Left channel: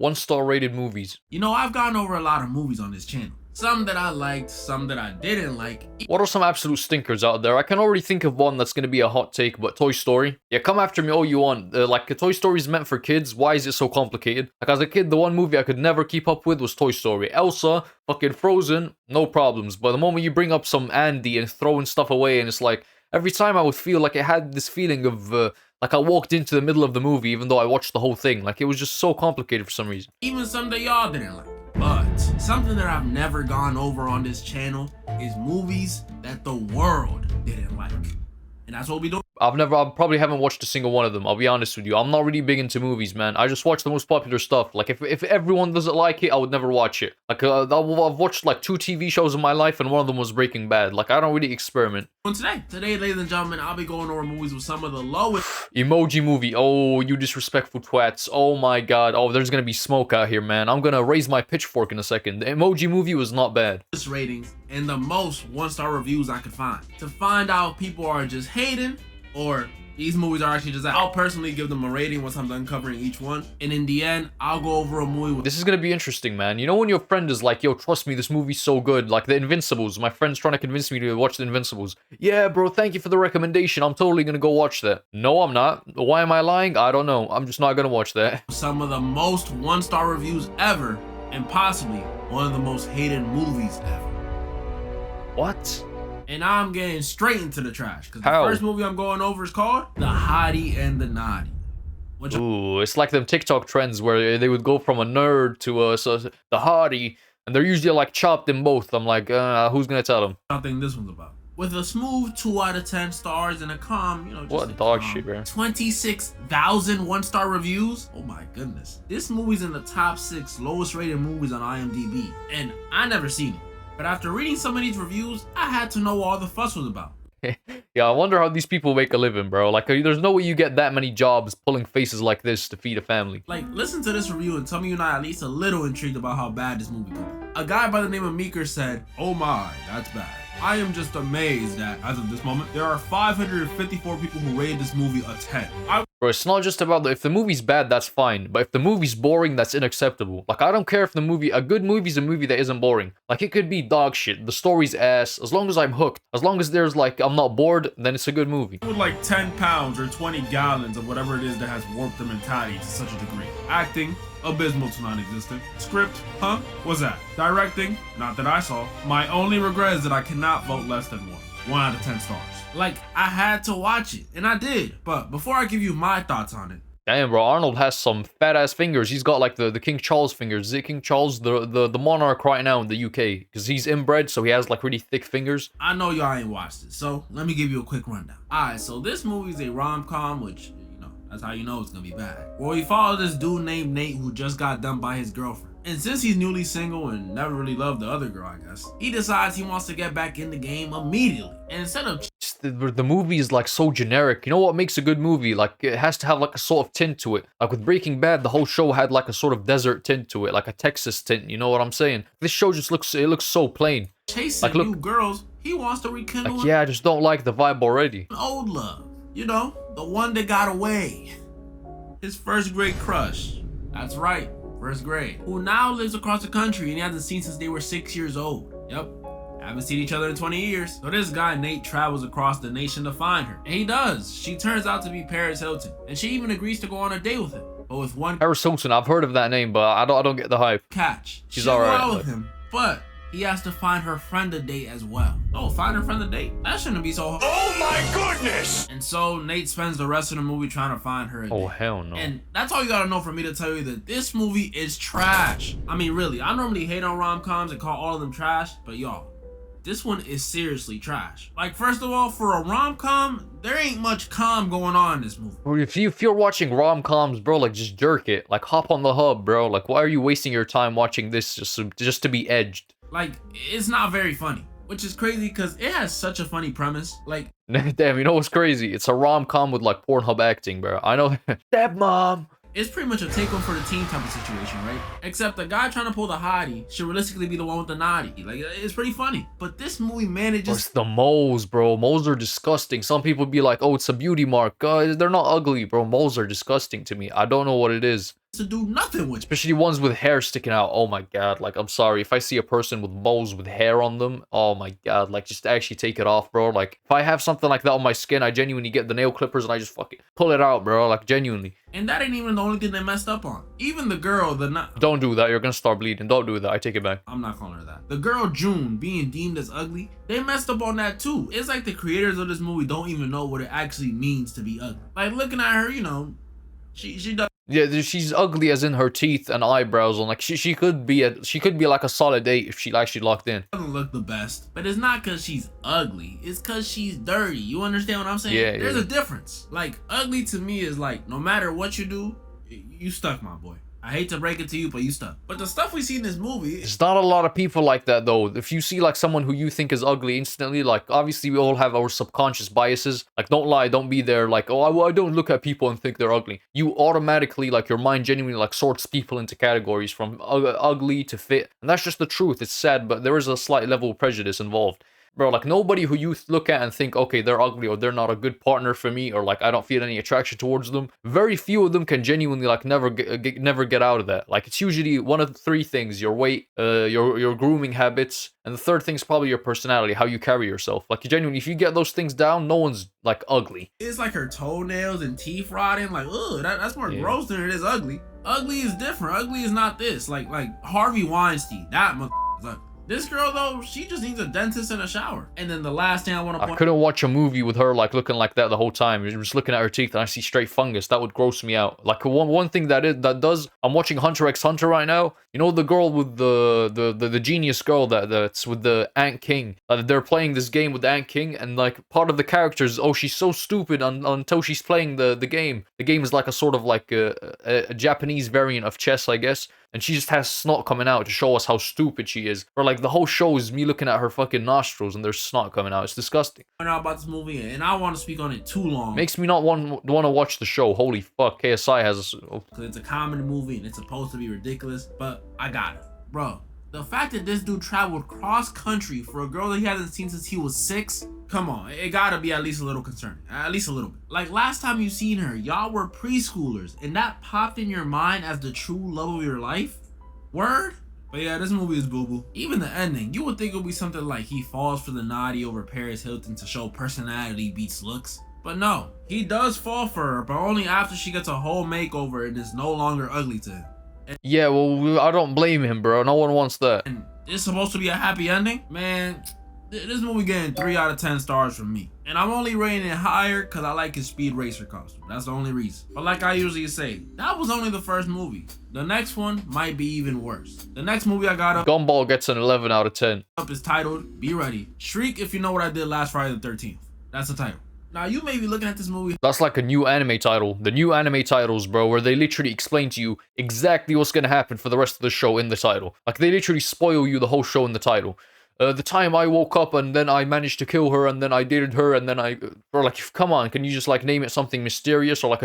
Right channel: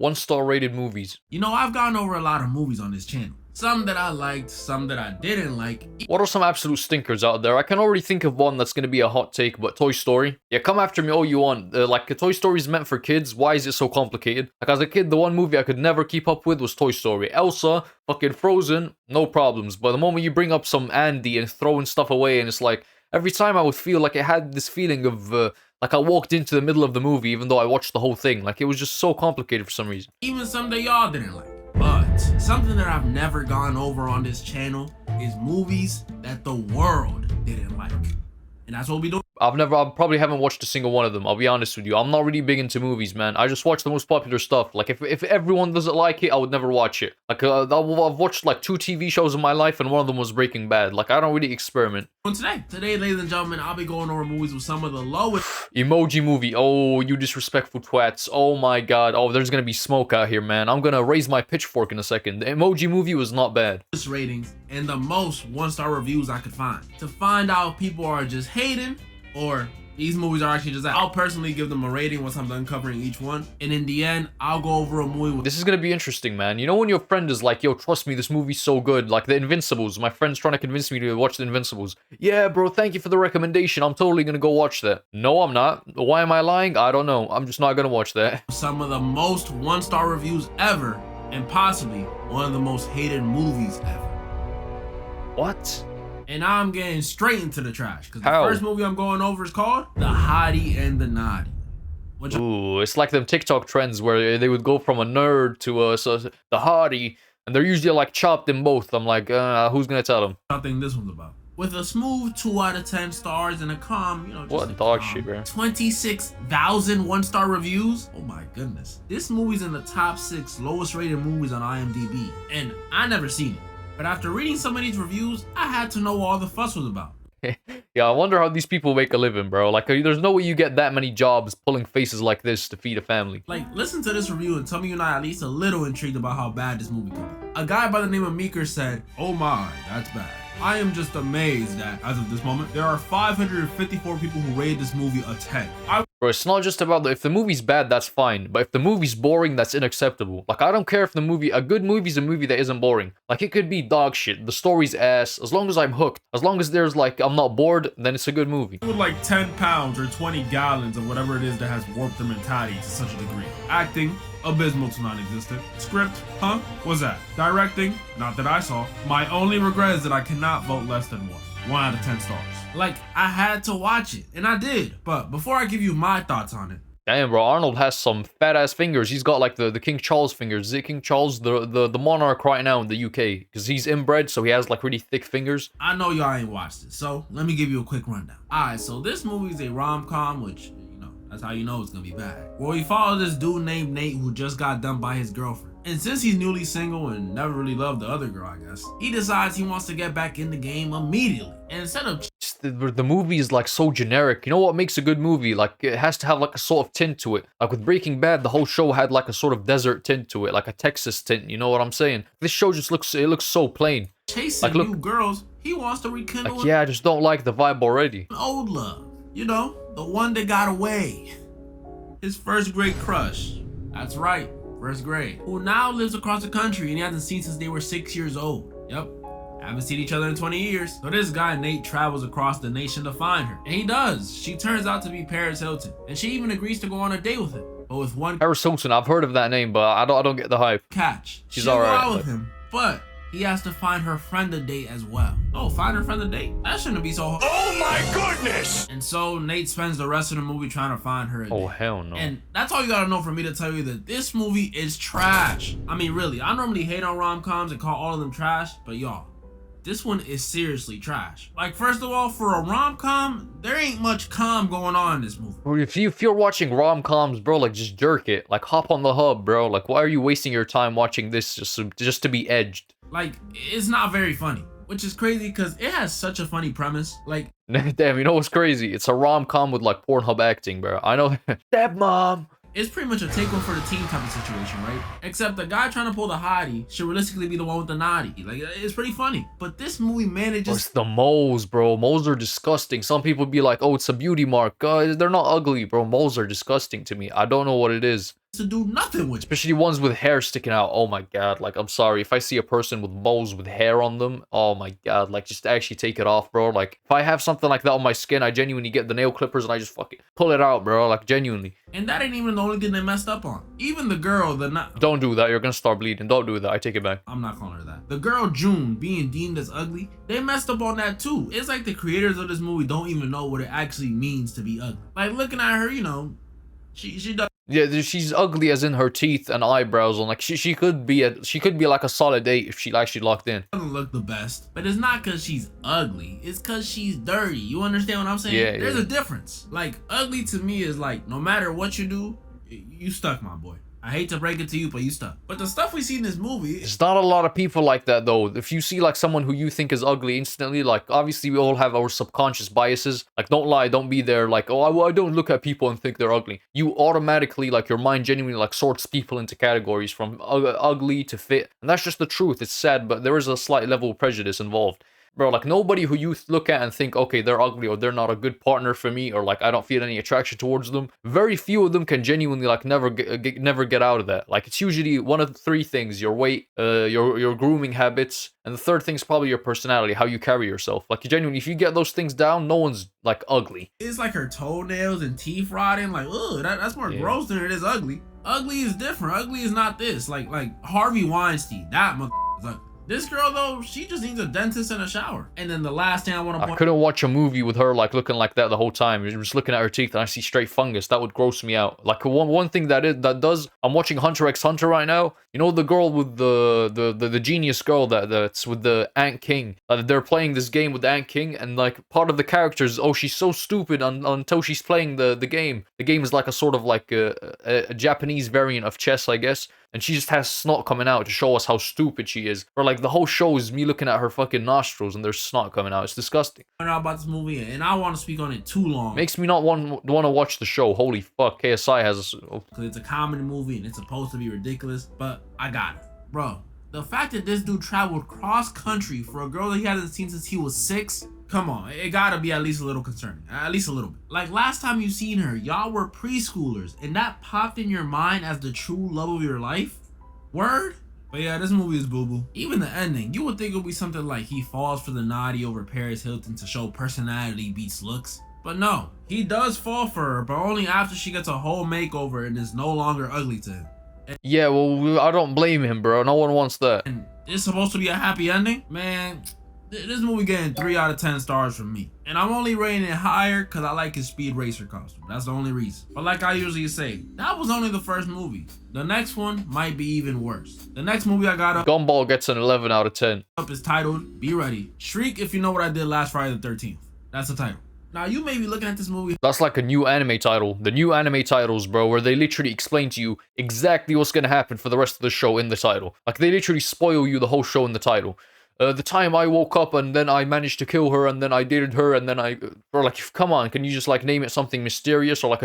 1-star rated movies. You know, I've gone over a lot of movies on this channel. Some that I liked, some that I didn't like. What are some absolute stinkers out there? I can already think of one that's going to be a hot take, but Toy Story. Yeah, come after me all you want. Like, Toy Story is meant for kids. Why is it so complicated? Like, as a kid, the one movie I could never keep up with was Toy Story. Elsa, fucking Frozen, no problems. But the moment you bring up some Andy and throwing stuff away, and it's like, every time I would feel like it had this feeling of, like I walked into the middle of the movie, even though I watched the whole thing. Like, it was just so complicated for some reason. Even some that y'all didn't like. But something that I've never gone over on this channel is movies that the world didn't like. And that's what we do. I probably haven't watched a single one of them. I'll be honest with you. I'm not really big into movies, man. I just watch the most popular stuff. Like, if everyone doesn't like it, I would never watch it. Like, I've watched like 2 TV shows in my life, and one of them was Breaking Bad. Like, I don't really experiment. Today, ladies and gentlemen, I'll be going over movies with some of the lowest. Emoji Movie. Oh, you disrespectful twats. Oh my god. Oh, there's gonna be smoke out here, man. I'm gonna raise my pitchfork in a second. The Emoji Movie was not bad. Ratings and the most 1-star reviews I could find. To find out if people are just hating or these movies are actually just that. I'll personally give them a rating once I'm done covering each one. And in the end, I'll go over a movie with... This is gonna be interesting, man. You know when your friend is like, yo, trust me, this movie's so good. Like The Invincibles. My friend's trying to convince me to watch The Invincibles. Yeah, bro, thank you for the recommendation. I'm totally gonna go watch that. No, I'm not. Why am I lying? I don't know. I'm just not gonna watch that. Some of the most 1-star reviews ever, and possibly one of the most hated movies ever. What? And now I'm getting straight into the trash. Because the How? first movie I'm going over is called The Hottie and the Nottie. Ooh, it's like them TikTok trends where they would go from a nerd to the hottie, and they're usually like chopped in both. I'm like, who's gonna tell them? I think this one's about. With a smooth 2 out of 10 stars and a calm, you know, just what dog shit, bro. 26,000 1-star reviews. Oh my goodness. This movie's in the top 6 lowest rated movies on IMDb. And I never seen it. But after reading some of these reviews, I had to know what all the fuss was about. Yeah, I wonder how these people make a living, bro. Like, there's no way you get that many jobs pulling faces like this to feed a family. Like, listen to this review and tell me you're not at least a little intrigued about how bad this movie could be. A guy by the name of Meeker said, "Oh my, that's bad. I am just amazed that, as of this moment, there are 554 people who rated this movie a 10. Bro, it's not just about if the movie's bad, that's fine. But if the movie's boring, that's unacceptable. Like, I don't care if a good movie's a movie that isn't boring. Like, it could be dog shit, the story's ass. As long as I'm hooked, as long as there's like, I'm not bored, then it's a good movie. With like 10 pounds or 20 gallons of whatever it is that has warped their mentality to such a degree. Acting, abysmal to non-existent. Script, huh? What's that? Directing, not that I saw. My only regret is that I cannot vote less than 1 out of 10 stars. Like, I had to watch it, and I did. But before I give you my thoughts on it. Damn, bro, Arnold has some fat ass fingers. He's got like the King Charles fingers. Is it King Charles, the monarch right now in the UK? Because he's inbred, so he has like really thick fingers. I know y'all ain't watched it, so let me give you a quick rundown. Alright, so this movie is a rom-com, which, that's how you know it's gonna be bad. Well, we follow this dude named Nate who just got dumped by his girlfriend. And since he's newly single and never really loved the other girl, I guess, he decides he wants to get back in the game immediately. And instead of the movie is like so generic. You know what makes a good movie? Like, it has to have like a sort of tint to it. Like with Breaking Bad, the whole show had like a sort of desert tint to it, like a Texas tint. You know what I'm saying? This show just looks so plain. Chasing like, look, new girls, he wants to rekindle. Like, yeah, I just don't like the vibe already. An old love, you know, the one that got away. His first grade crush. That's right, first grade. Who now lives across the country and he hasn't seen since they were 6 years old. Yep. Haven't seen each other in 20 years. So this guy, Nate, travels across the nation to find her. And he does. She turns out to be Paris Hilton. And she even agrees to go on a date with him. But with one Paris Hilton, I've heard of that name, but I don't get the hype. catch. She's alright. With him, but he has to find her friend a date as well. Oh, find her friend a date? That shouldn't be so hard. Oh my goodness! And so Nate spends the rest of the movie trying to find her a date. Oh, hell no. And that's all you gotta know for me to tell you that this movie is trash. I mean, really, I normally hate on rom-coms and call all of them trash, but y'all, this one is seriously trash. Like, first of all, for a rom-com, there ain't much calm going on in this movie. Bro, if you're watching rom-coms, bro, like, just jerk it. Like, hop on the hub, bro. Like, why are you wasting your time watching this just to be edged? Like, it's not very funny, which is crazy because it has such a funny premise. Like, damn, you know what's crazy? It's a rom-com with like Pornhub acting, bro. I know. Stepmom. it's pretty much a take one for the team type of situation, right? Except the guy trying to pull the hottie should realistically be the one with the naughty. Like, it's pretty funny. But this movie manages... It's the moles, bro. Moles are disgusting. Some people be like, oh, it's a beauty mark. They're not ugly, bro. Moles are disgusting to me. I don't know what it is. to do nothing with. Especially ones with hair sticking out. Oh my god, like I'm sorry. If I see a person with moles with hair on them, oh my god, like just actually take it off, bro. Like if I have something like that on my skin, I genuinely get the nail clippers and I just fucking pull it out, bro. Like genuinely. And that ain't even the only thing they messed up on. Even the girl, Don't do that. You're gonna start bleeding. Don't do that. I take it back. I'm not calling her that. The girl June being deemed as ugly, they messed up on that too. It's like the creators of this movie don't even know what it actually means to be ugly. Like looking at her, you know, she does. Yeah, she's ugly as in her teeth and eyebrows, and like she could be like a solid 8 if she actually locked in. Doesn't look the best, but it's not because she's ugly. It's because she's dirty. You understand what I'm saying? Yeah, There's a difference. Like ugly to me is like no matter what you do, you stuck, my boy. I hate to break it to you, but you stuck. But the stuff we see in this movie, there's not a lot of people like that though. If you see like someone who you think is ugly instantly, like obviously we all have our subconscious biases. Like don't lie, don't be there like, oh, I don't look at people and think they're ugly. You automatically, like your mind genuinely like sorts people into categories from ugly to fit. And that's just the truth. It's sad, but there is a slight level of prejudice involved. Bro, like nobody who you look at and think, okay, they're ugly or they're not a good partner for me or like I don't feel any attraction towards them. Very few of them can genuinely like never get out of that. Like it's usually one of the 3 things: your weight, your grooming habits, and the third thing is probably your personality, how you carry yourself. Like genuinely, if you get those things down, no one's like ugly. It's like her toenails and teeth rotting. Like, ugh, that's more gross than it is ugly. Ugly is different. Ugly is not this. Like Harvey Weinstein, that motherfucker is ugly. This girl though, she just needs a dentist and a shower. And then the last thing I want to point, I couldn't watch a movie with her like looking like that the whole time. You're just looking at her teeth and I see straight fungus. That would gross me out. Like one thing that does. I'm watching Hunter x Hunter right now. You know the girl with the genius girl that's with the Ant King. They're playing this game with the Ant King, and like part of the characters, oh, she's so stupid until she's playing the game. The game is like a sort of like a Japanese variant of chess, I guess. And she just has snot coming out to show us how stupid she is. Or like the whole show is me looking at her fucking nostrils and there's snot coming out. It's disgusting. I know about this movie and I want to speak on it too long. Makes me not want to watch the show. Holy fuck, KSI has because it's a comedy movie and it's supposed to be ridiculous, but I got it. Bro, the fact that this dude traveled cross country for a girl that he hasn't seen since he was 6, come on, it gotta be at least a little concerning. At least a little bit. Like last time you seen her, y'all were preschoolers and that popped in your mind as the true love of your life? Word? But yeah, this movie is boo-boo. Even the ending, you would think it would be something like he falls for the Nottie over Paris Hilton to show personality beats looks. But no, he does fall for her, but only after she gets a whole makeover and is no longer ugly to him. Yeah, well, I don't blame him, bro. No one wants that. And it's supposed to be a happy ending? Man, this movie getting 3 out of 10 stars from me. And I'm only rating it higher because I like his Speed Racer costume. That's the only reason. But like I usually say, that was only the first movie. The next one might be even worse. The next movie I got up Gumball gets an 11 out of 10. Is titled, be ready, Shriek If You Know What I Did Last Friday the 13th. That's the title. Now you may be looking at this movie. That's like a new anime title. The new anime titles, bro, where they literally explain to you exactly what's gonna happen for the rest of the show in the title. Like they literally spoil you the whole show in the title. The time I woke up and then I managed to kill her and then I dated her and then bro, like, come on, can you just like name it something mysterious or like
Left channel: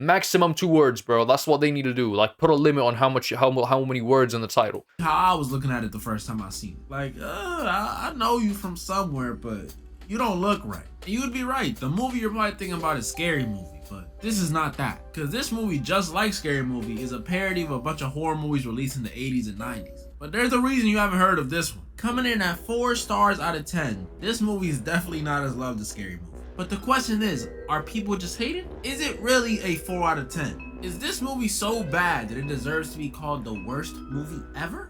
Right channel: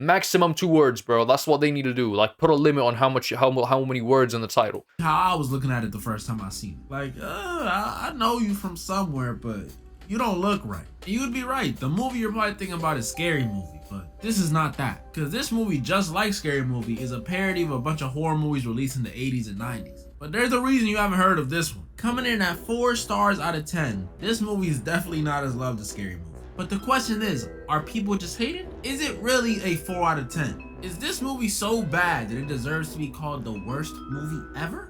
maximum 2 words, bro? That's what they need to do. Like put a limit on how many words in the title. How I was looking at it the first time I seen it. Like, I know you from somewhere, but you don't look right. And you would be right. The movie you're probably thinking about is Scary Movie, but this is not that. Because this movie, just like Scary Movie, is a parody of a bunch of horror movies released in the 80s and 90s. But there's a reason you haven't heard of this one. Coming in at 4 stars out of 10, this movie is definitely not as loved as Scary Movie. But the question is, are people just hating? Is it really a 4 out of 10? Is this movie so bad that it deserves to be called the worst movie ever?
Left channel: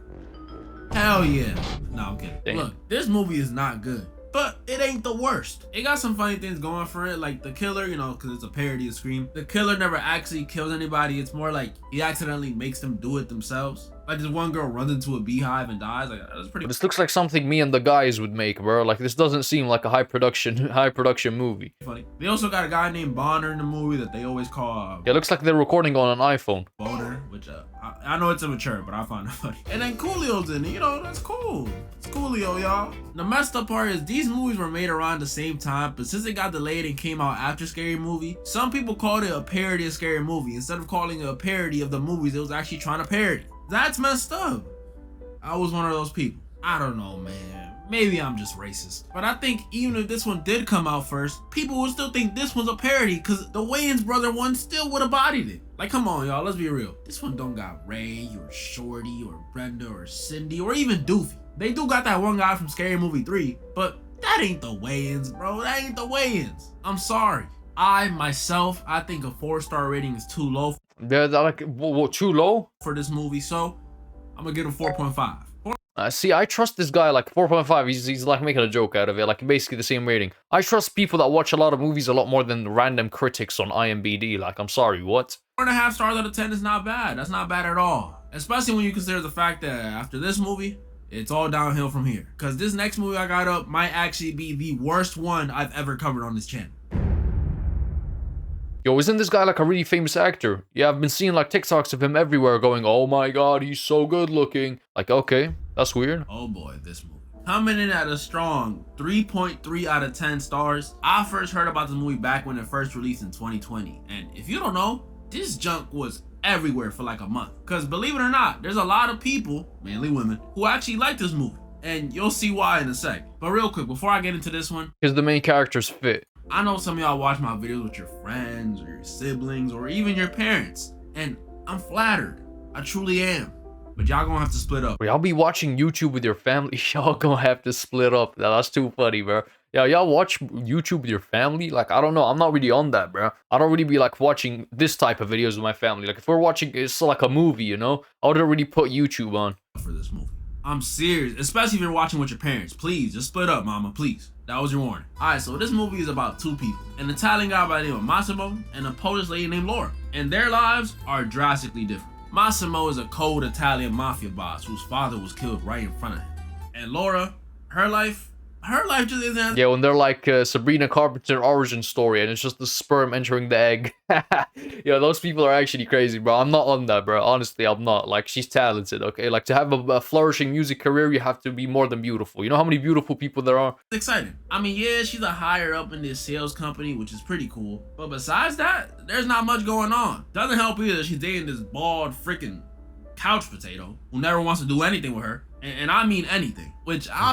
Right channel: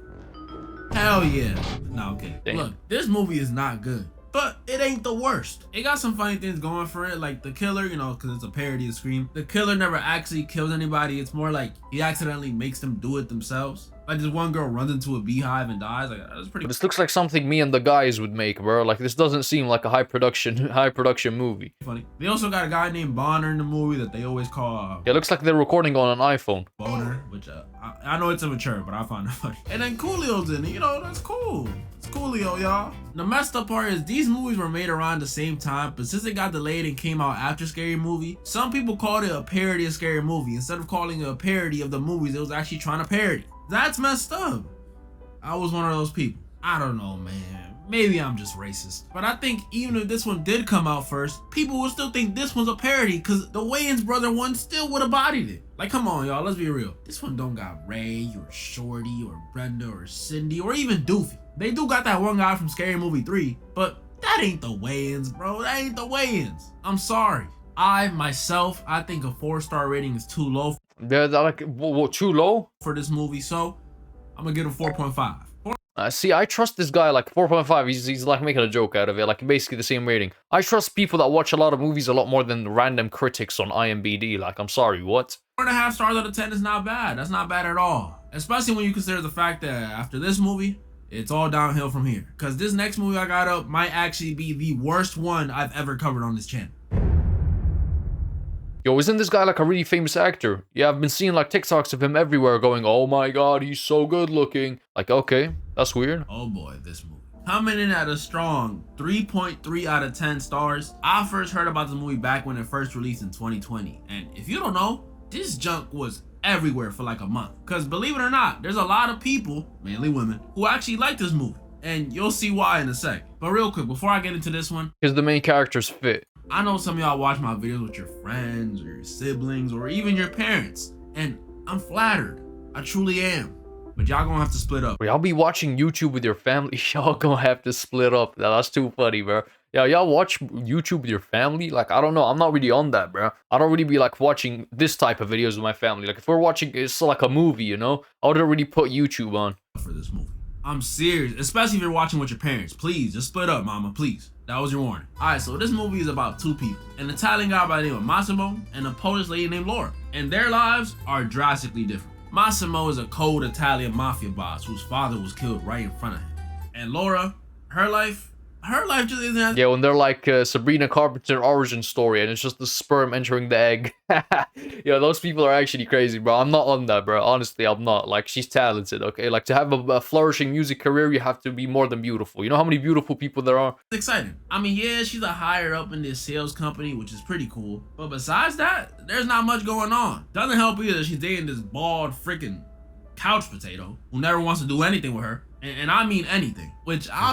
Hell yeah. No, okay. Damn. Look, this movie is not good, but it ain't the worst. It got some funny things going for it, like the killer, you know, because it's a parody of Scream. The killer never actually kills anybody. It's more like he accidentally makes them do it themselves. Like this one girl runs into a beehive and dies. Like that's pretty. This looks like something me and the guys would make, bro. Like this doesn't seem like a high production movie. Funny. They also got a guy named Bonner in the movie that they always call. Yeah, it looks like they're recording on an iPhone. Boner, which I know it's immature, but I find it funny. And then Coolio's in it. You know, that's cool. It's Coolio, y'all. The messed up part is these movies were made around the same time, but since it got delayed and came out after Scary Movie, some people called it a parody of Scary Movie instead of calling it a parody of the movies it was actually trying to parody. That's messed up. I was one of those people. I don't know, man. maybe I'm just racist, but I think even if this one did come out first, people would still think this one's a parody because the Wayans brother one still would have bodied it. Like, come on, y'all, let's be real. This one don't got Ray or Shorty or Brenda or Cindy or even Doofy. They do got that one guy from Scary Movie 3, but that ain't the Wayans, bro. That ain't the Wayans. I'm sorry. I think a 4-star rating is too low. Yeah, like, what, too low? For this movie, so I'm gonna give it 4.5. See, I trust this guy, like, 4.5, he's like making a joke out of it, like, basically the same rating. I trust people that watch a lot of movies a lot more than random critics on IMDb, like, I'm sorry, what? 4.5 stars out of 10 is not bad. That's not bad at all. Especially when you consider the fact that after this movie, it's all downhill from here. Because this next movie I got up might actually be the worst one I've ever covered on this channel. Yo, isn't this guy like a really famous actor? Yeah, I've been seeing like TikToks of him everywhere going, oh my god, he's so good looking. Like, okay, that's weird. Oh boy, this movie. Coming in at a strong 3.3 out of 10 stars. I first heard about this movie back when it first released in 2020. And if you don't know, this junk was everywhere for like a month. Because believe it or not, there's a lot of people, mainly women, who actually like this movie. And you'll see why in a sec. But real quick, before I get into this one, because the main character's fit. I know some of y'all watch my videos with your friends or your siblings or even your parents. And I'm flattered. I truly am. But y'all gonna have to split up. Y'all be watching YouTube with your family. Y'all gonna have to split up. That's too funny, bro. Yeah, y'all watch YouTube with your family? Like, I don't know. I'm not really on that, bro. I don't really be like watching this type of videos with my family. Like, if we're watching, it's like a movie, you know? I wouldn't really put YouTube on. For this movie. I'm serious, especially if you're watching with your parents. Please, just split up, mama, please. That was your warning. Alright, so this movie is about two people. An Italian guy by the name of Massimo and a Polish lady named Laura. And their lives are drastically different. Massimo is a cold Italian mafia boss whose father was killed right in front of him. And Laura, her life just isn't. Yeah, when they're like Sabrina Carpenter origin story and it's just the sperm entering the egg. Yeah, those people are actually crazy, bro. I'm not on that, bro. Honestly, I'm not. Like, she's talented, okay? Like, to have a flourishing music career, you have to be more than beautiful. You know how many beautiful people there are? It's exciting. I mean, yeah, she's a higher up in this sales company, which is pretty cool. But besides that, there's not much going on. Doesn't help either she's dating this bald freaking couch potato who never wants to do anything with her. And I mean anything,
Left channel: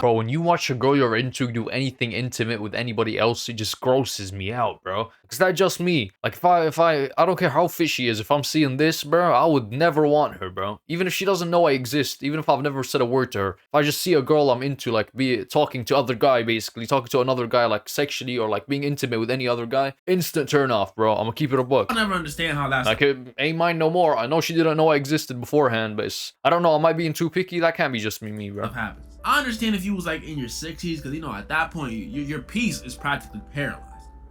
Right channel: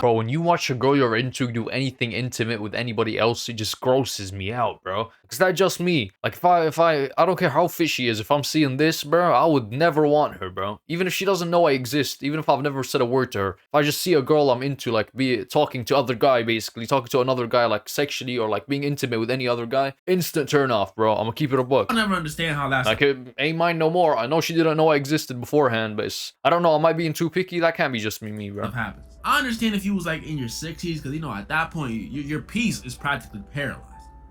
Bro, when you watch a girl you're into do anything intimate with anybody else, it just grosses me out, bro. Is that just me? Like, if I don't care how fit she is, if I'm seeing this, bro, I would never want her, bro. Even if she doesn't know I exist, even if I've never said a word to her. If I just see a girl I'm into, like, be talking to other guy, basically, talking to another guy, like, sexually, or, like, being intimate with any other guy, instant turn off, bro. I'm gonna keep it a buck. I never understand how that's... Like, it ain't mine no more. I know she didn't know I existed beforehand, but it's... I don't know, am I being too picky? That can't be just me, bro. Happens. I understand if you was like in your 60s, because you know at that point your piece is practically paralyzed.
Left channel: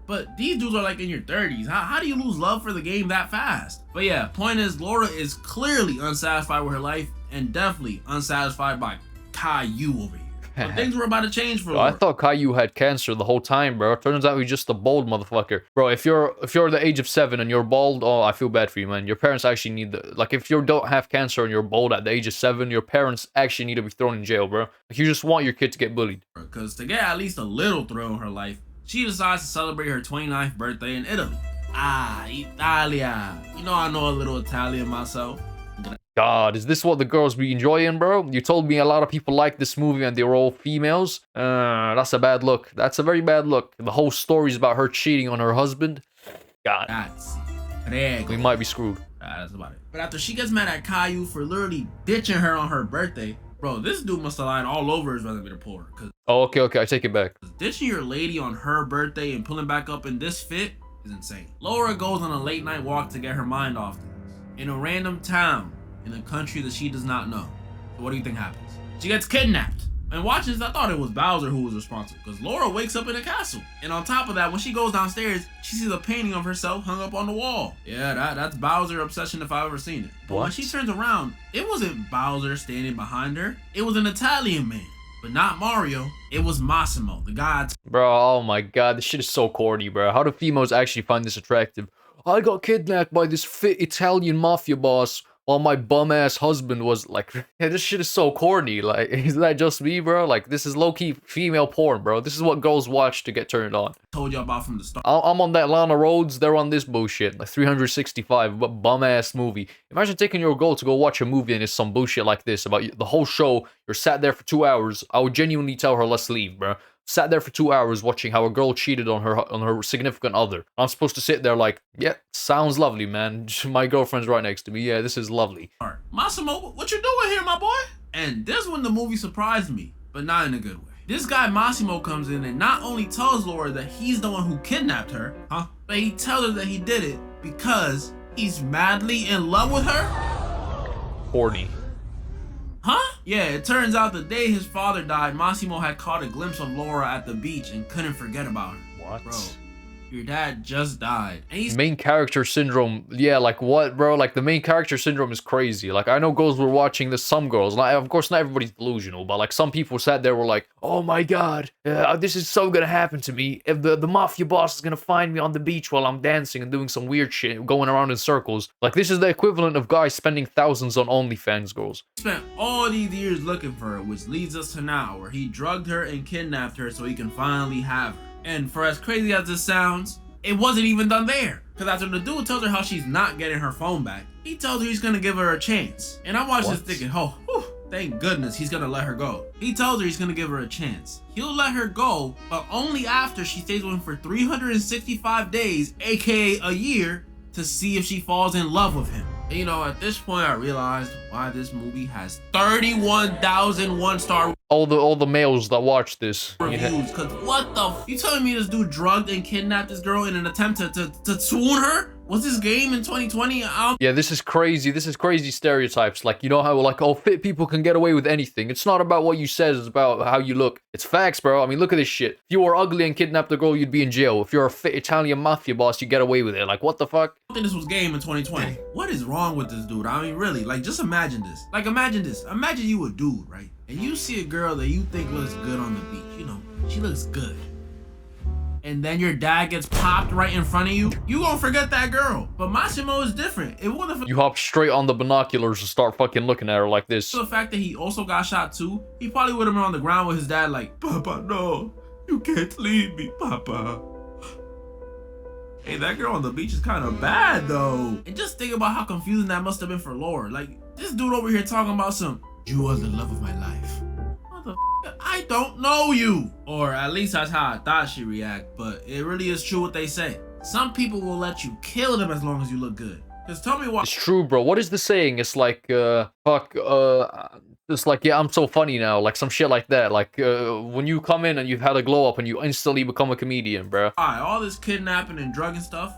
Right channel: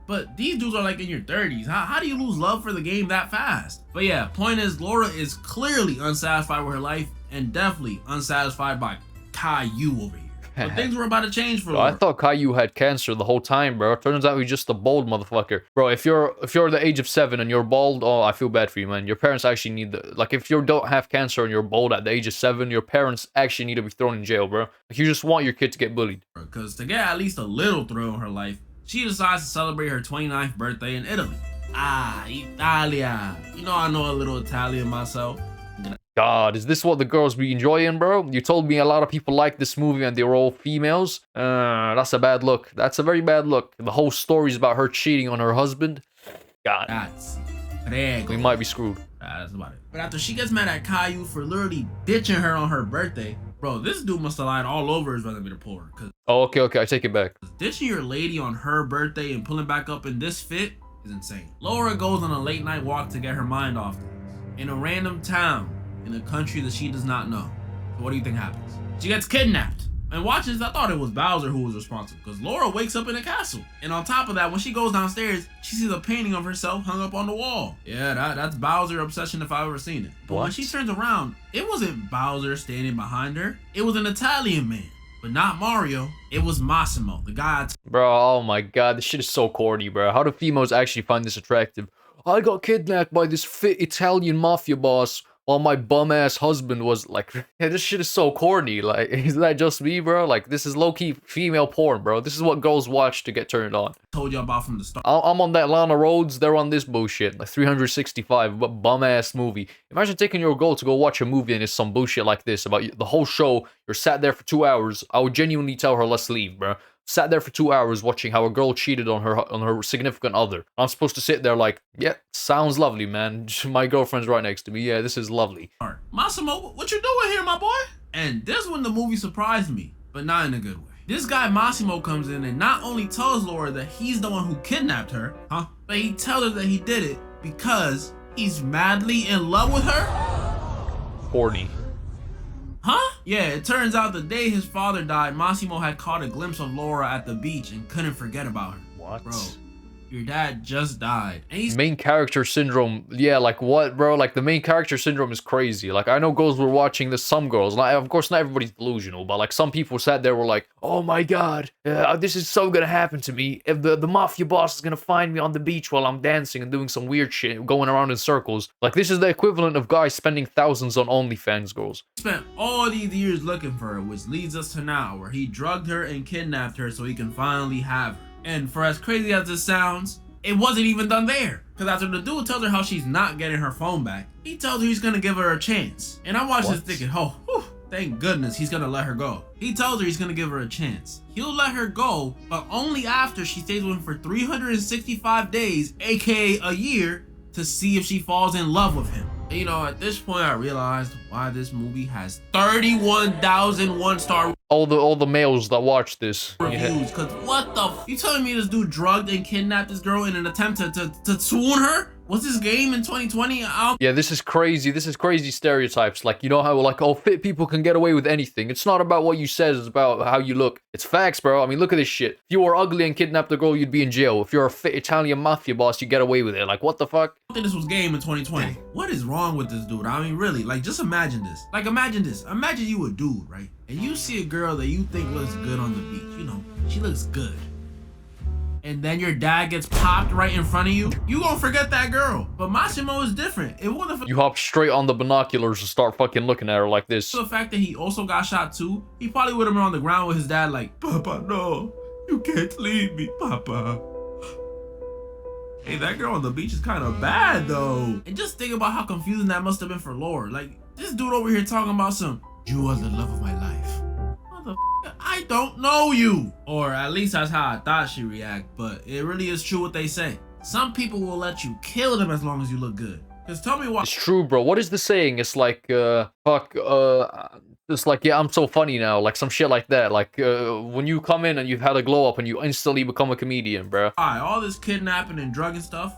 But these dudes are like in your 30s. How do you lose love for the game that fast? But yeah, point is, Laura is clearly unsatisfied with her life and definitely unsatisfied by Caillou over here. But things were about to change for Laura. I thought Caillou had cancer the whole time, bro. Turns out he's just a bald motherfucker. Bro, if you're the age of 7 and you're bald, oh, I feel bad for you, man. Your parents actually need like, if you don't have cancer and you're bald at the age of 7, your parents actually need to be thrown in jail, bro. Like, you just want your kid to get bullied. Because to get at least a little thrill in her life, she decides to celebrate her 29th birthday in Italy. Ah, Italia. You know I know a little Italian myself. God, is this what the girls be enjoying, bro? You told me a lot of people like this movie and they were all females. That's a bad look. That's a very bad look. The whole story's about her cheating on her husband. God. We might be screwed. That's about it. But after she gets mad at Caillou for literally ditching her on her birthday, bro, this dude must have lied all over his resume to pull her. Oh, okay, I take it back. Ditching your lady on her birthday and pulling back up in this fit is insane. Laura goes on a late night walk to get her mind off things. In a random town, in a country that she does not know. So what do you think happens? She gets kidnapped. And watch this, I thought it was Bowser who was responsible, because Laura wakes up in a castle. And on top of that, when she goes downstairs, she sees a painting of herself hung up on the wall. Yeah, that's Bowser obsession if I've ever seen it. But when she turns around, it wasn't Bowser standing behind her. It was an Italian man. But not Mario. It was Massimo, the guy. Bro, oh my god, this shit is so corny, bro. How do females actually find this attractive? I got kidnapped by this fit Italian mafia boss. while my bum ass husband was like, yeah, this shit is so corny. Like, is that just me, bro? Like, this is low key female porn, bro. This is what girls watch to get turned on. Told y'all about from the start. I'm on that Lana Rhodes, they're on this bullshit. Like 365, but bum ass movie. Imagine taking your girl to go watch a movie and it's some bullshit like this about the whole show. You're sat there for 2 hours. I would genuinely tell her, let's leave, bro. Sat there for 2 hours watching how a girl cheated on her significant other. I'm supposed to sit there like, yeah, sounds lovely, man. My girlfriend's right next to me. Yeah, this is lovely. Massimo, what you doing here, my boy? And this when the movie surprised me, but not in a good way. This guy Massimo comes in and not only tells Laura that he's the one who kidnapped her, but he tells her that he did it because he's madly in love with her? Corny. Yeah, it turns out the day his father died, Massimo had caught a glimpse of Laura at the beach and couldn't forget about her. What? Bro, your dad just died. And he's main character syndrome. Yeah, like what, bro? Like the main character syndrome is crazy. Like I know girls were watching this. Some girls, like, of course, not everybody's delusional, but like some people sat there were like, "Oh my god, this is so gonna happen to me. If the mafia boss is gonna find me on the beach while I'm dancing and doing some weird shit, going around in circles." Like this is the equivalent of guys spending thousands on OnlyFans girls. Spent all these years looking for her, which leads us to now, where he drugged her and kidnapped her so he can finally have her. And for as crazy as this sounds, it wasn't even done there. Because after the dude tells her how she's not getting her phone back, he tells her he's gonna give her a chance. And I watched this thinking, oh, whew, thank goodness he's gonna let her go. He tells her he's gonna give her a chance. He'll let her go, but only after she stays with him for 365 days, aka a year, to see if she falls in love with him. And, you know, at this point I realized why this movie has 31,000 one-star All the males that watch this reviews. Cause what the you telling me this dude drugged and kidnapped this girl in an attempt to swoon her? Was this game in 2020? Yeah, this is crazy. This is crazy stereotypes. Like, you know how like, oh, fit people can get away with anything. It's not about what you said, it's about how you look. It's facts, bro. I mean, look at this shit. If you were ugly and kidnapped a girl, you'd be in jail. If you're a fit Italian mafia boss, you get away with it. Like, what the fuck? I think this was game in 2020. What is wrong with this dude? I mean, really, like, just imagine this. Like, imagine this. Imagine you a dude, right? And you see a girl that you think looks good on the beach. You know, she looks good. And then your dad gets popped right in front of you, you gonna forget that girl. But Massimo is different. It wouldn't. You hop straight on the binoculars and start fucking looking at her like this. The fact that he also got shot too, he probably would have been on the ground with his dad like, Papa, no, you can't leave me, Papa. Hey, that girl on the beach is kind of bad though. And just think about how confusing that must have been for Laura. Like, this dude over here talking about some, you are the love of my life. I don't know you. Or at least that's how I thought she'd react, but it really is true what they say. Some people will let you kill them as long as you look good. Just tell me why. It's true, bro. What is the saying? It's like, it's like, yeah, I'm so funny now. Like some shit like that. Like, when you come in and you've had a glow up and you instantly become a comedian, bro. All this kidnapping and drugging stuff.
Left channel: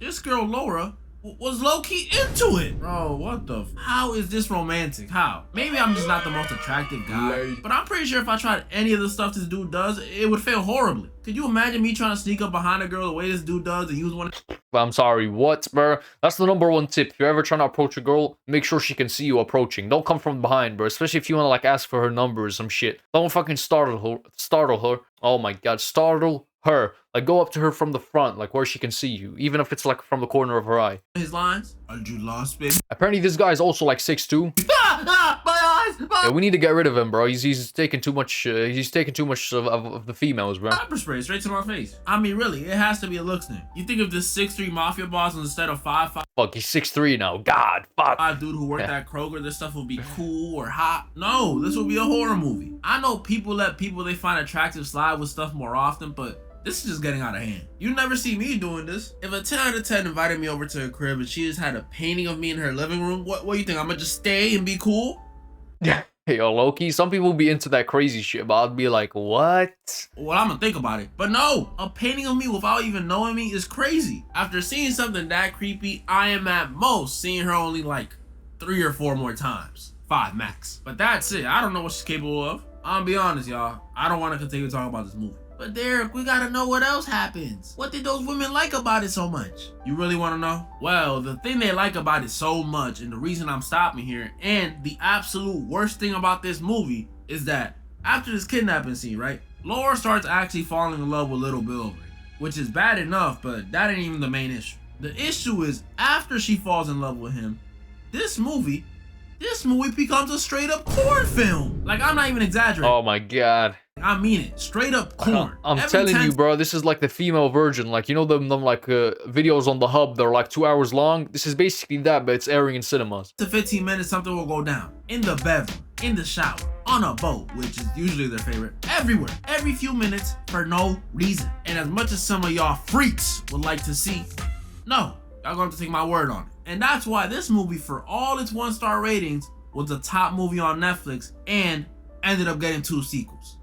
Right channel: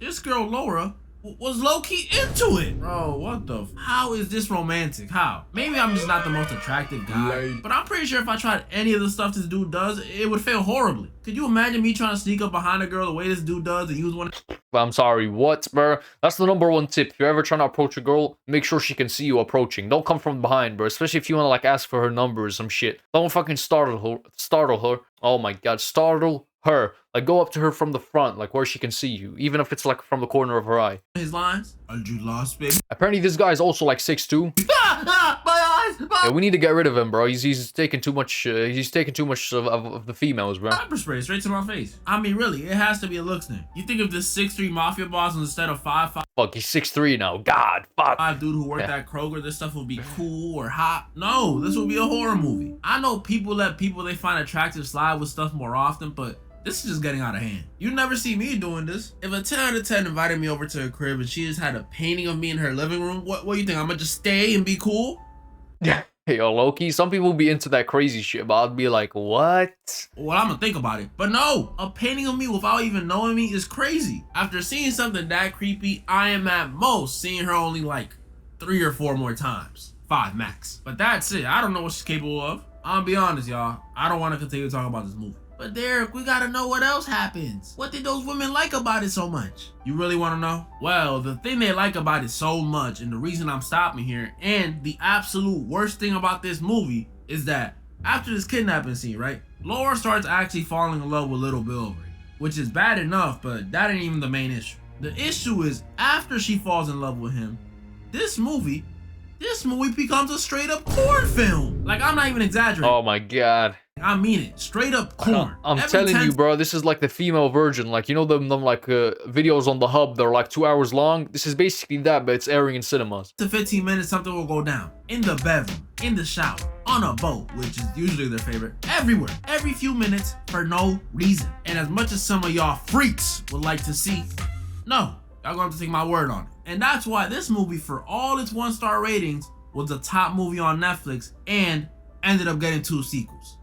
This girl, Laura, was low-key into it. Bro, what the how is this romantic? How? Maybe I'm just not the most attractive guy, but I'm pretty sure if I tried any of the stuff this dude does, it would fail horribly. Could you imagine me trying to sneak up behind a girl the way this dude does and use one? I'm sorry, what, bro? That's the #1 tip. If you're ever trying to approach a girl, make sure she can see you approaching. Don't come from behind, bro. Especially if you want to like ask for her number or some shit. Don't fucking startle her. Oh my god, startle her. Like, go up to her from the front, like where she can see you, even if it's like from the corner of her eye. His lines? Are you lost, baby? Apparently this guy is also like 6'2". My eyes! Yeah, we need to get rid of him, bro. He's taking too much. He's taking too much of the females, bro. Pepper spray straight to my face. I mean, really, it has to be a looks thing. You think of this 6'3" mafia boss instead of 5'5"? Fuck, he's 6'3" now. God, fuck. Dude who worked at Kroger, this stuff would be cool or hot. No, this would be a horror movie. I know people let people they find attractive slide with stuff more often, but this is just getting out of hand. You never see me doing this. If a 10 out of 10 invited me over to her crib and she just had a painting of me in her living room, what do you think? I'm gonna just stay and be cool? Yeah. Hey, yo, Loki, some people be into that crazy shit, but I'd be like, what? Well, I'm gonna think about it. But no, a painting of me without even knowing me is crazy. After seeing something that creepy, I am at most seeing her only like 3 or 4 more times. 5 max. But that's it. I don't know what she's capable of. I'm gonna be honest, y'all. I don't want to continue talking about this movie. But Derek, we gotta know what else happens. What did those women like about it so much? You really wanna know? Well, the thing they like about it so much, and the reason I'm stopping here, and the absolute worst thing about this movie, is that after this kidnapping scene, right? Laura starts actually falling in love with little Bill, which is bad enough, but that ain't even the main issue. The issue is after she falls in love with him, This movie becomes a straight up corn film. Like, I'm not even exaggerating. Oh my god. I mean it. Straight up corn. I'm telling you, bro, this is like the female version. Like, you know them like videos on the hub, they're like 2 hours long. This is basically that, but it's airing in cinemas. To 15 minutes, something will go down. In the bedroom, in the shower, on a boat, which is usually their favorite. Everywhere, every few minutes, for no reason. And as much as some of y'all freaks would like to see, no, y'all gonna have to take my word on it. And that's why this movie, for all its 1-star ratings, was the top movie on Netflix and ended up getting 2 sequels.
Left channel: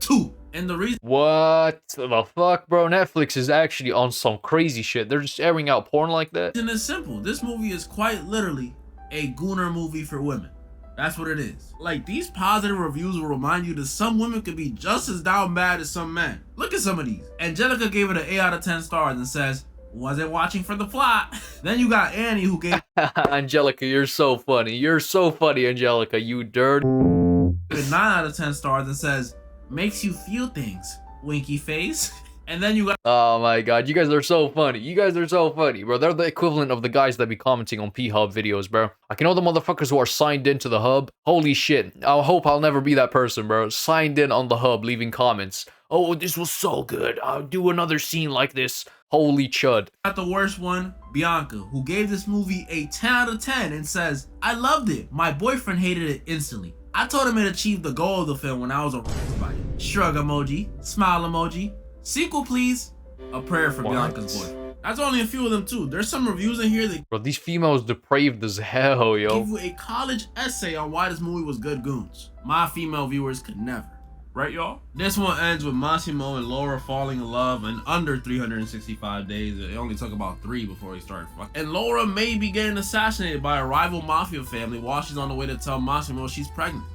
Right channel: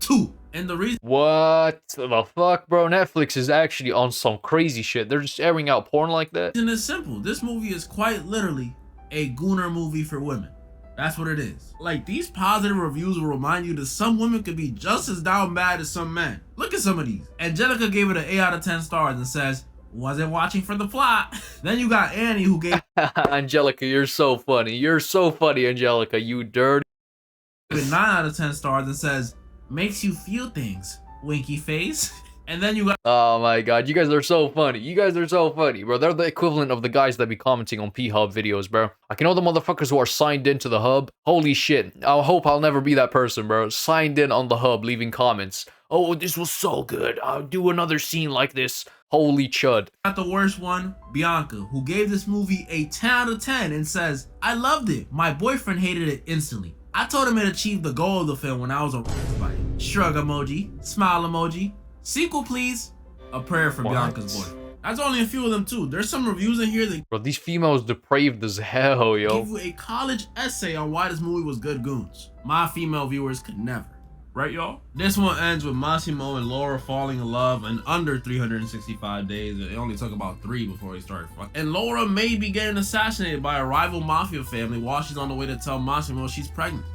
2. And the reason— What the fuck, bro? Netflix is actually on some crazy shit. They're just airing out porn like that. And it's simple. This movie is quite literally a gooner movie for women. That's what it is. Like, these positive reviews will remind you that some women could be just as down bad as some men. Look at some of these. Angelica gave it an 8 out of 10 stars and says, wasn't watching for the plot. Then you got Annie, who gave Angelica, you're so funny. You're so funny, Angelica, you dirt. 9 out of 10 stars and says, makes you feel things, winky face. And then you got— oh my god, you guys are so funny. You guys are so funny, bro. They're the equivalent of the guys that be commenting on P-Hub videos, bro. Like, you know the motherfuckers who are signed into the hub? Holy shit. I hope I'll never be that person, bro. Signed in on the hub, leaving comments. Oh, this was so good. I'll do another scene like this. Holy chud. Got the worst one, Bianca, who gave this movie a 10 out of 10 and says, I loved it. My boyfriend hated it instantly. I told him it achieved the goal of the film when I was by it. Shrug emoji, smile emoji, sequel please, a prayer for Bianca's boy. That's only a few of them too. There's some reviews in here that— bro, these females depraved as hell, yo. give you a college essay on why this movie was good goons. My female viewers could never. Right, y'all? This one ends with Massimo and Laura falling in love in under 365 days. It only took about 3 before they started fucking. And Laura may be getting assassinated by a rival mafia family while she's on the way to tell Massimo she's pregnant.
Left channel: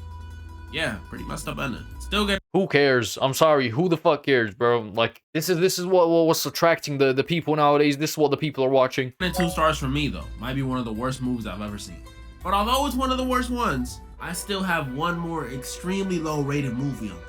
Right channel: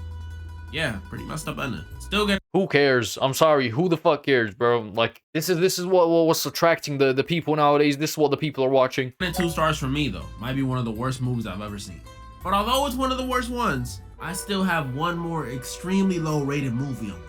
Yeah, pretty messed up ending. Still get— who cares? I'm sorry, who the fuck cares, bro? Like, this is what's attracting the people nowadays. This is what the people are watching. 2 stars from me though. Might be one of the worst movies I've ever seen. But although it's one of the worst ones, I still have one more extremely low rated movie on.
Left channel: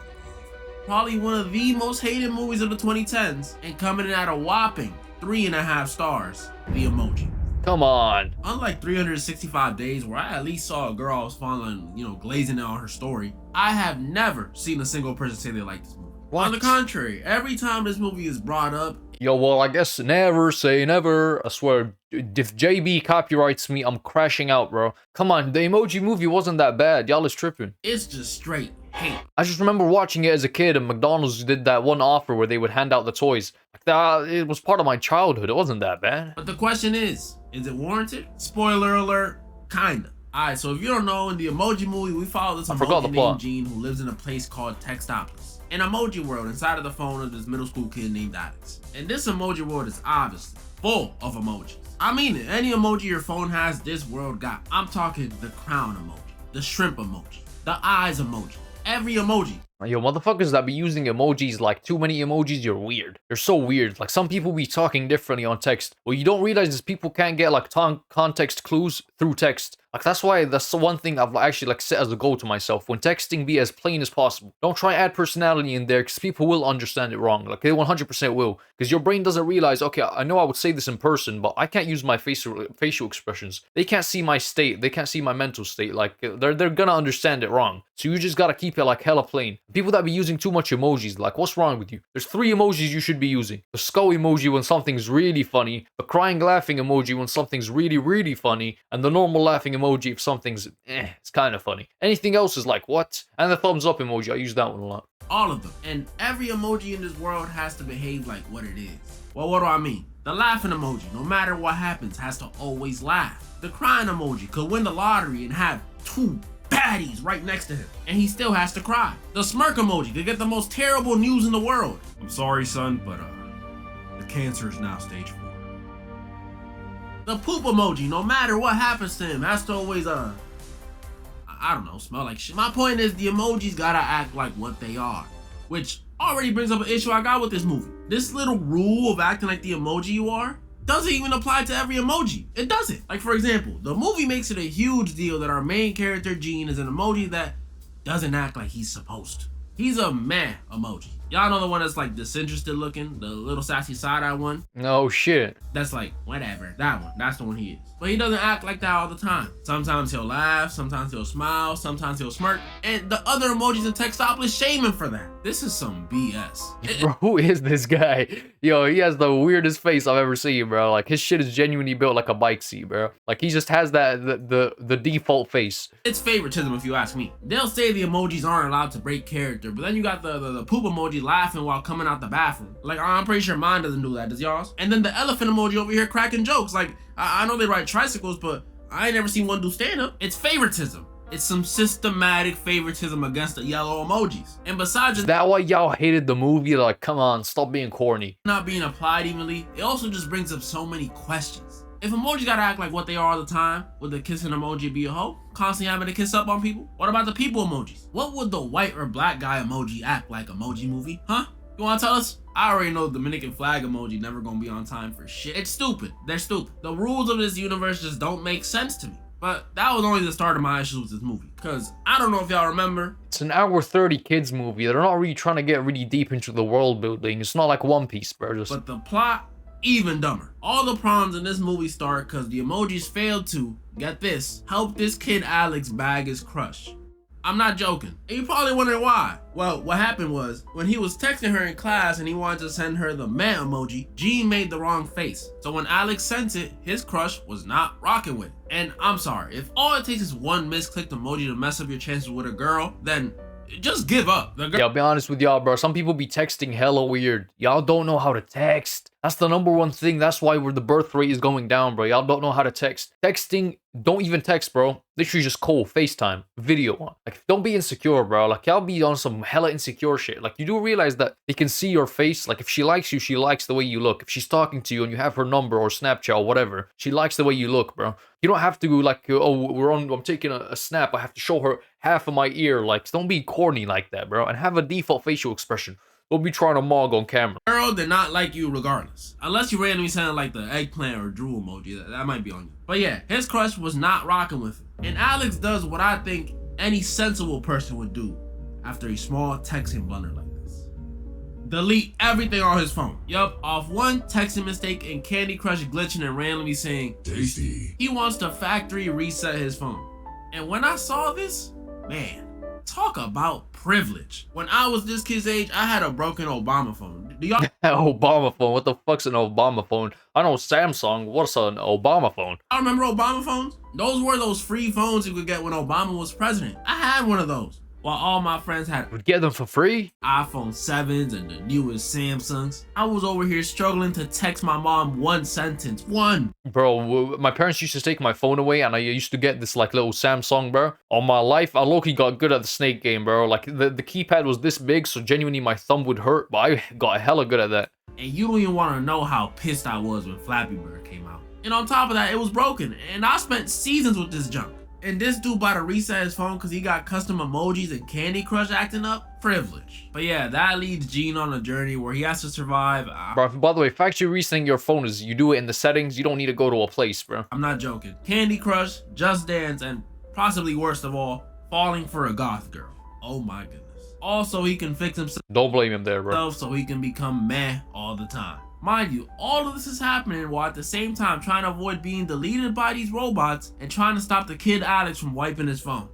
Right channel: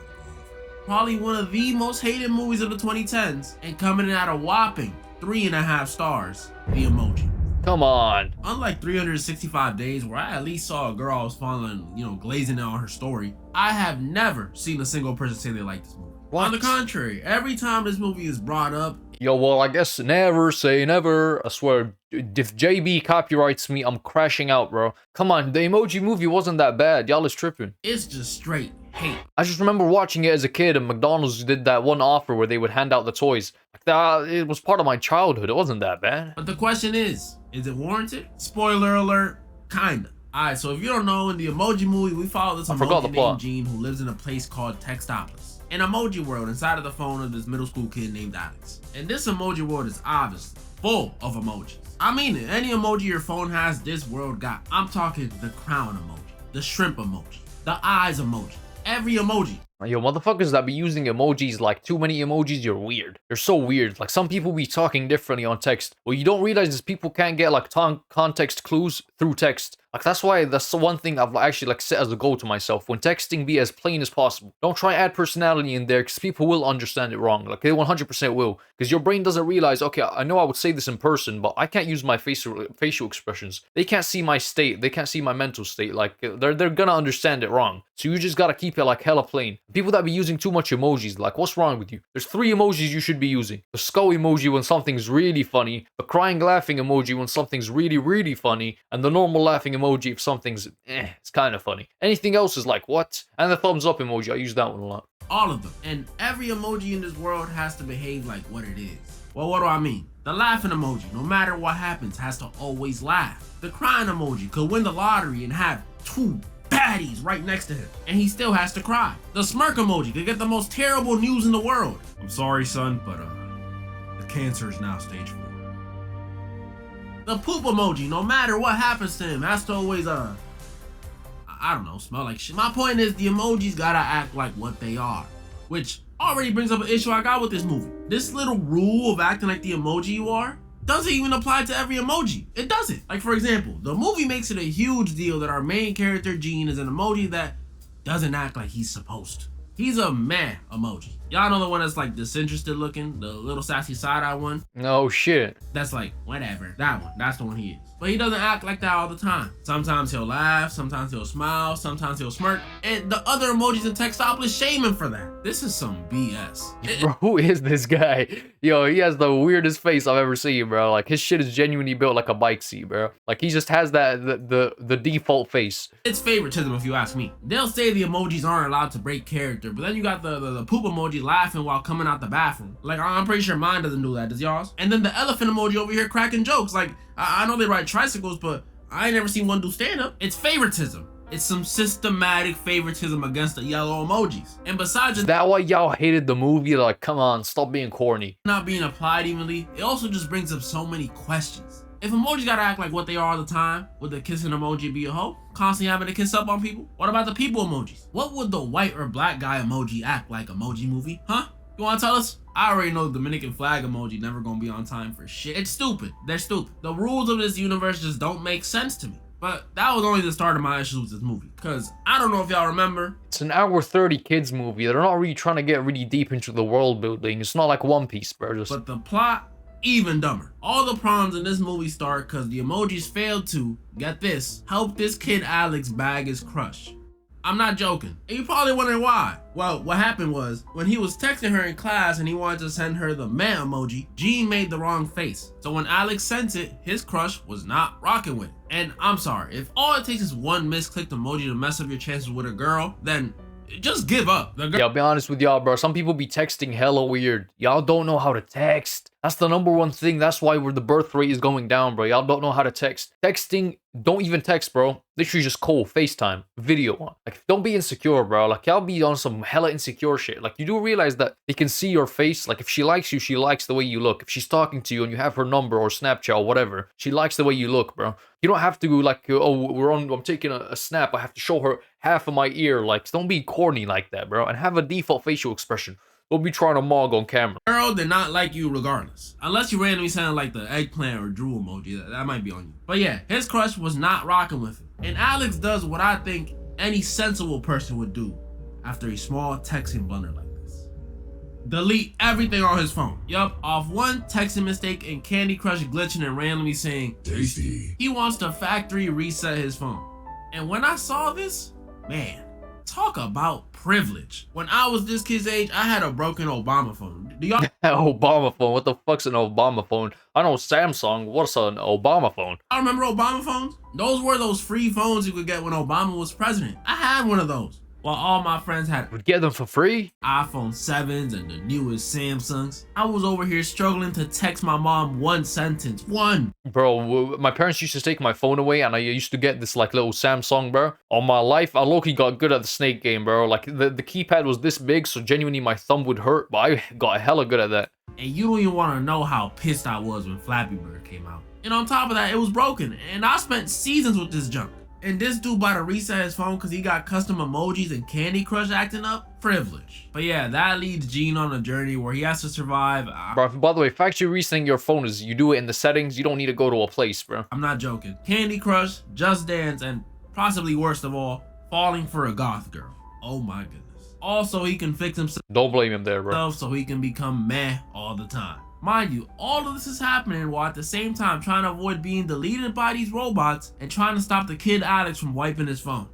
Probably one of the most hated movies of the 2010s, and coming in at a whopping 3.5 stars, The Emoji. Come on. Unlike 365 Days, where I at least saw a girl I was following, glazing out on her story, I have never seen a single person say they like this movie. What? On the contrary, every time this movie is brought up— yo, well, I guess never say never. I swear, if JB copyrights me, I'm crashing out, bro. Come on, the Emoji Movie wasn't that bad. Y'all is tripping. it's just straight hate. I just remember watching it as a kid, and McDonald's did that one offer where they would hand out the toys. Like that, it was part of my childhood. It wasn't that bad. But the question is it warranted? Spoiler alert, kinda. Alright, so if you don't know, in the Emoji Movie, we follow this emoji named Gene who lives in a place called Textopolis, an emoji world inside of the phone of this middle school kid named Alex. And this emoji world is obviously full of emojis. I mean it, any emoji your phone has, this world got. I'm talking the crown emoji, the shrimp emoji, the eyes emoji, every emoji. Yo, motherfuckers that be using emojis like too many emojis, you're weird. You're so weird. Like, some people be talking differently on text. What you don't realize is people can't get like context clues through text. Like, that's the one thing I've actually like set as a goal to myself. When texting, be as plain as possible. Don't try add personality in there, because people will understand it wrong. Like, they 100% will. Because your brain doesn't realize, okay, I know I would say this in person, but I can't use my facial expressions. They can't see my state. They can't see my mental state. Like, they're gonna understand it wrong. So you just gotta keep it like hella plain. People that be using too much emojis, like, what's wrong with you? There's 3 emojis you should be using. The skull emoji when something's really funny, the crying laughing emoji when something's really, really funny, and the normal laughing emoji if something's it's kind of funny. Anything else is like, what? And the thumbs up emoji, I use that one a lot. All of them. And every emoji in this world has to behave like what it is. Well, what do I mean? The laughing emoji, no matter what happens, has to always laugh. The crying emoji could win the lottery and have 2 baddies right next to him, and he still has to cry. The smirk emoji could get the most terrible news in the world. I'm sorry, son, but the cancer is now stage 4. The poop emoji, no matter what happens to him, has to always I don't know, smell like shit. My point is, the emojis gotta act like what they are, which already brings up an issue I got with this movie. This little rule of acting like the emoji you are doesn't even apply to every emoji. It doesn't. Like, for example, the movie makes it a huge deal that our main character, Gene, is an emoji that doesn't act like he's supposed to. He's a meh emoji. Y'all know the one that's like disinterested looking, the little sassy side-eye one? No shit. That's like, whatever. That one. That's the one he is. But he doesn't act like that all the time. Sometimes he'll laugh, sometimes he'll smile, sometimes he'll smirk. And the other emojis in Textopolis shame him for that. This is some BS. Bro, who is this guy? Yo, he has the weirdest face I've ever seen, bro. Like, his shit is genuinely built like a bike seat, bro. Like, he just has that, the default face. It's favoritism if you ask me. They'll say the emojis aren't allowed to break character, but then you got the poop emoji laughing while coming out the bathroom. Like, I'm pretty sure mine doesn't do that, does y'all's? And then the elephant emoji over here cracking jokes. Like, I know they ride tricycles, but I ain't never seen one do stand-up. It's favoritism. It's some systematic favoritism against the yellow emojis. And besides Is that why y'all hated the movie? Like, come on, stop being corny. not being applied evenly, it also just brings up so many questions. If emojis gotta act like what they are all the time, would the kissing emoji be a hoe? Constantly having to kiss up on people? What about the people emojis? What would the white or black guy emoji act like? Emoji Movie? Huh? You wanna tell us? I already know the Dominican flag emoji never gonna be on time for shit. It's stupid. They're stupid. The rules of this universe just don't make sense to me. But that was only the start of my issues with this movie. Cause I don't know if y'all remember. It's an hour 30 kids movie. They're not really trying to get really deep into the world building. It's not like One Piece, bro. But the plot, even dumber. All the problems in this movie start cause the emojis failed to, get this, help this kid Alex bag his crush. I'm not joking. And you probably wondering why. Well, what happened was, when he was texting her in class and he wanted to send her the meh emoji, Gene made the wrong face. So when Alex sent it, his crush was not rocking with it. And I'm sorry, if all it takes is one misclicked emoji to mess up your chances with a girl, then just give up. Yeah, I'll be honest with y'all, bro. Some people be texting hella weird. Y'all don't know how to text. That's the number one thing. That's why the birth rate is going down, bro. Y'all don't know how to text. Texting, don't even text, bro. Literally just call, FaceTime, video. Like, don't be insecure, bro. Like, y'all be on some hella insecure shit. Like, you do realize that they can see your face. Like, if she likes you, she likes the way you look. If she's talking to you and you have her number or Snapchat or whatever, she likes the way you look, bro. You don't have to, like, oh, I'm taking a snap. I have to show her half of my ear. Like, don't be corny like that, bro. And have a default facial expression. Don't be trying to mog on camera. Girl did not like you regardless. Unless you randomly sound like the eggplant or drool emoji. That might be on you. But yeah, his crush was not rocking with it. And Alex does what I think any sensible person would do after a small texting blunder like this. Delete everything on his phone. Yup, off one texting mistake and Candy Crush glitching and randomly saying, tasty. He wants to factory reset his phone. And when I saw this, man, talk about privilege. When I was this kid's age, I had a broken Obama phone. Do y'all Obama phone? What the fuck's an Obama phone? I know Samsung. What's an Obama phone? I remember Obama phones? Those were those free phones you could get when Obama was president. I had one of those. While all my friends had Would get them for free? iPhone 7s and the newest Samsungs. I was over here struggling to text my mom one sentence. One. Bro, my parents used to take my phone away and I used to get this like little Samsung, bro. On my life, I low-key got good at the snake game, bro. Like the keypad was this big, so genuinely my thumb would hurt, but I got hella good at that. And you don't even want to know how pissed I was when Flappy Bird came out. And on top of that, it was broken. And I spent seasons with this junk. And this dude bought to reset his phone because he got custom emojis and Candy Crush acting up? Privilege. But yeah, that leads Gene on a journey where he has to survive. Bro, by the way, factory resetting your phone is you do it in the settings. You don't need to go to a place, bro. I'm not joking. Candy Crush, Just Dance, and possibly worst of all, falling for a goth girl. Oh my goodness. Also, he can fix himself. Don't blame him there, bro. So he can become meh all the time. Mind you, all of this is happening while at the same time trying to avoid being deleted by these robots and trying to stop the kid Alex from wiping his phone.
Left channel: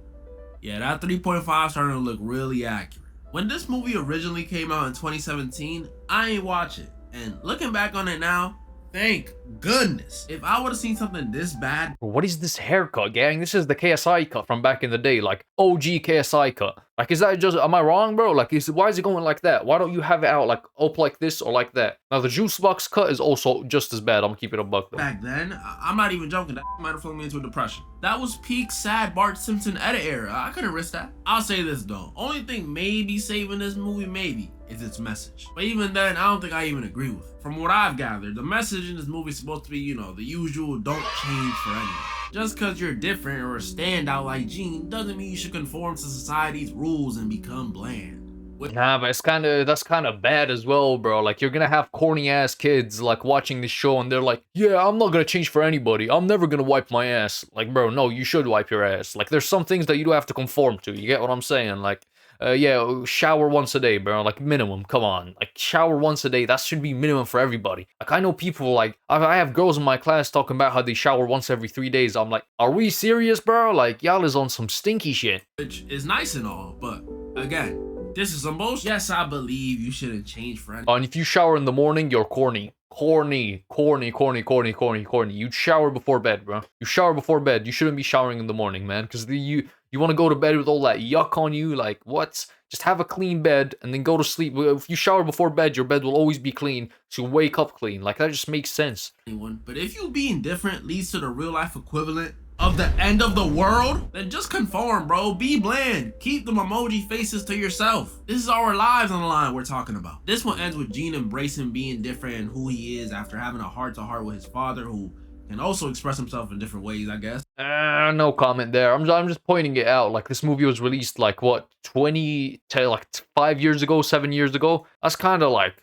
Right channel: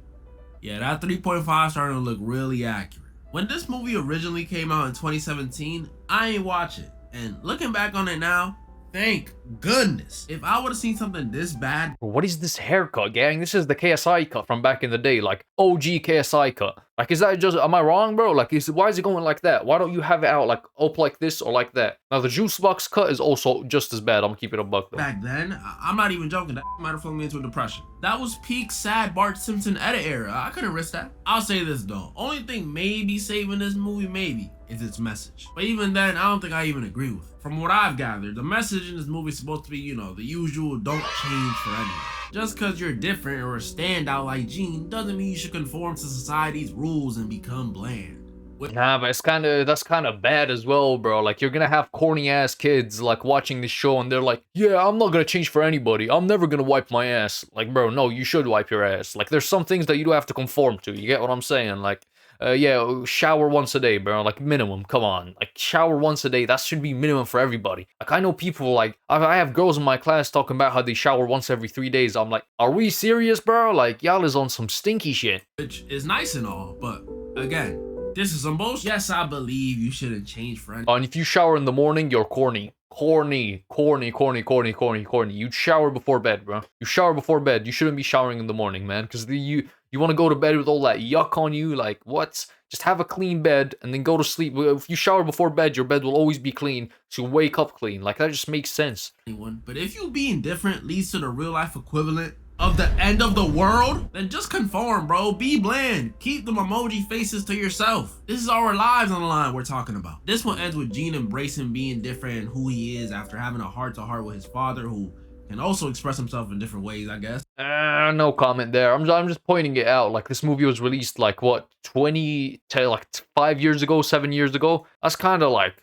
Yeah, that 3.5 starting to look really accurate. When this movie originally came out in 2017, I ain't watch it. And looking back on it now, thank goodness. If I would have seen something this bad. What is this haircut, gang? This is the KSI cut from back in the day, like OG KSI cut. Like, is that just, am I wrong, bro? Like, why is it going like that? Why don't you have it out like up like this or like that? Now, the juice box cut is also just as bad. I'm gonna keep it a buck though. Back then, I'm not even joking, that might have thrown me into a depression. That was peak sad Bart Simpson edit era. I couldn't risk that. I'll say this though, only thing maybe saving this movie maybe is its message. But even then, I don't think I even agree with it. From what I've gathered, the message in this movie is supposed to be, you know, the usual don't change for anyone. Just cause you're different or a standout like Gene doesn't mean you should conform to society's rules and become bland. Nah, but that's kind of bad as well, bro. Like, you're gonna have corny ass kids like watching this show and they're like, yeah, I'm not gonna change for anybody. I'm never gonna wipe my ass. Like, bro, no, you should wipe your ass. Like, there's some things that you do have to conform to. You get what I'm saying? Like, yeah, shower once a day, bro. Like minimum. Come on, like shower once a day. That should be minimum for everybody. Like I know people like I have girls in my class talking about how they shower once every 3 days. I'm like, are we serious, bro? Like y'all is on some stinky shit. Which is nice and all, but again, this is some bullshit. Yes, I believe you shouldn't change friends. And if you shower in the morning, you're corny. Corny. You shower before bed, bro. You shower before bed. You shouldn't be showering in the morning, man. Because you want to go to bed with all that yuck on you. Like, what? Just have a clean bed and then go to sleep. If you shower before bed, your bed will always be clean. So you wake up clean. Like, that just makes sense. But if you being different leads to the real life equivalent of the end of the world, then just conform, bro. Be bland. Keep them emoji faces to yourself. This is our lives on the line we're talking about. This one ends with Gene embracing being different and who he is after having a heart-to-heart with his father, who can also express himself in different ways, I guess. No comment there. I'm just pointing it out. Like, this movie was released, like, what, 5 years ago, 7 years ago? That's kind of like...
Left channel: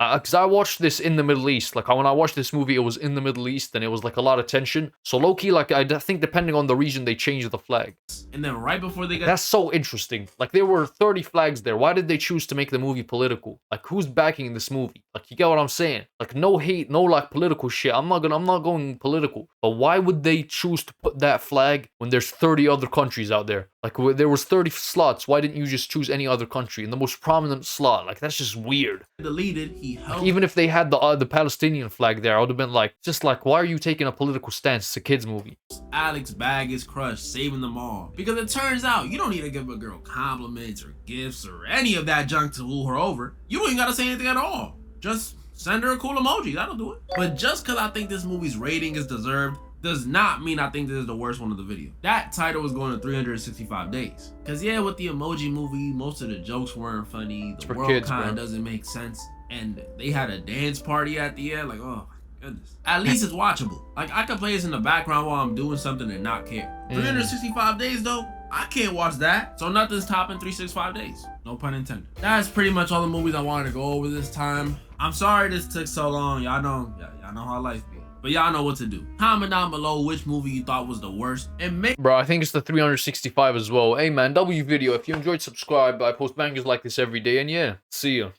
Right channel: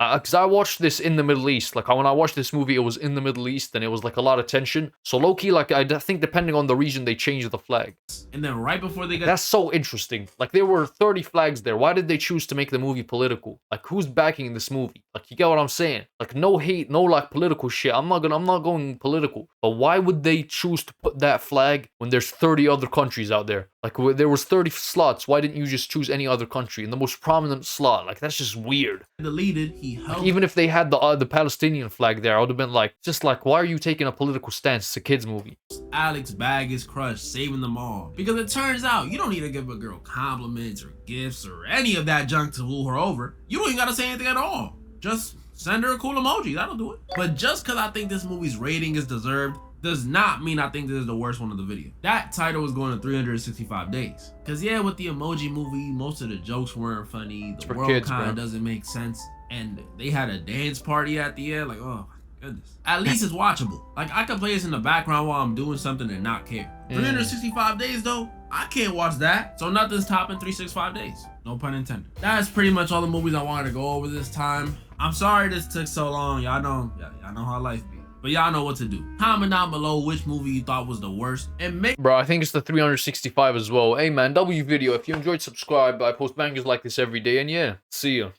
Because I watched this in the Middle East. Like, when I watched this movie, it was in the Middle East, and it was, like, a lot of tension. So, low-key, like, I think depending on the region, they changed the flag. And then right before they got... That's so interesting. Like, there were 30 flags there. Why did they choose to make the movie political? Like, who's backing this movie? Like, you get what I'm saying? Like, no hate, no, like, political shit. I'm not going political. But why would they choose to put that flag when there's 30 other countries out there? Like, there was 30 slots. Why didn't you just choose any other country in the most prominent slot? Like, that's just weird. Deleted, he helped. Like, even if they had the Palestinian flag there, I would have been like, just like, why are you taking a political stance? It's a kid's movie. Alex bag his crush, saving them all. Because it turns out you don't need to give a girl compliments or gifts or any of that junk to woo her over. You don't even gotta say anything at all. Just send her a cool emoji. That'll do it. But just because I think this movie's rating is deserved does not mean I think this is the worst one of the video. That title was going to 365 days. Cause yeah, with the Emoji Movie, most of the jokes weren't funny. The world kind of doesn't make sense. And they had a dance party at the end. Like, oh my goodness. At least it's watchable. Like, I can play this in the background while I'm doing something and not care. 365 days though, I can't watch that. So nothing's topping 365 days. No pun intended. That's pretty much all the movies I wanted to go over this time. I'm sorry this took so long. Y'all know how life be. But y'all know what to do. Comment down below which movie you thought was the worst. And make... Bro, I think it's the 365 as well. Hey man, W video. If you enjoyed, subscribe. I post bangers like this every day. And yeah, see ya.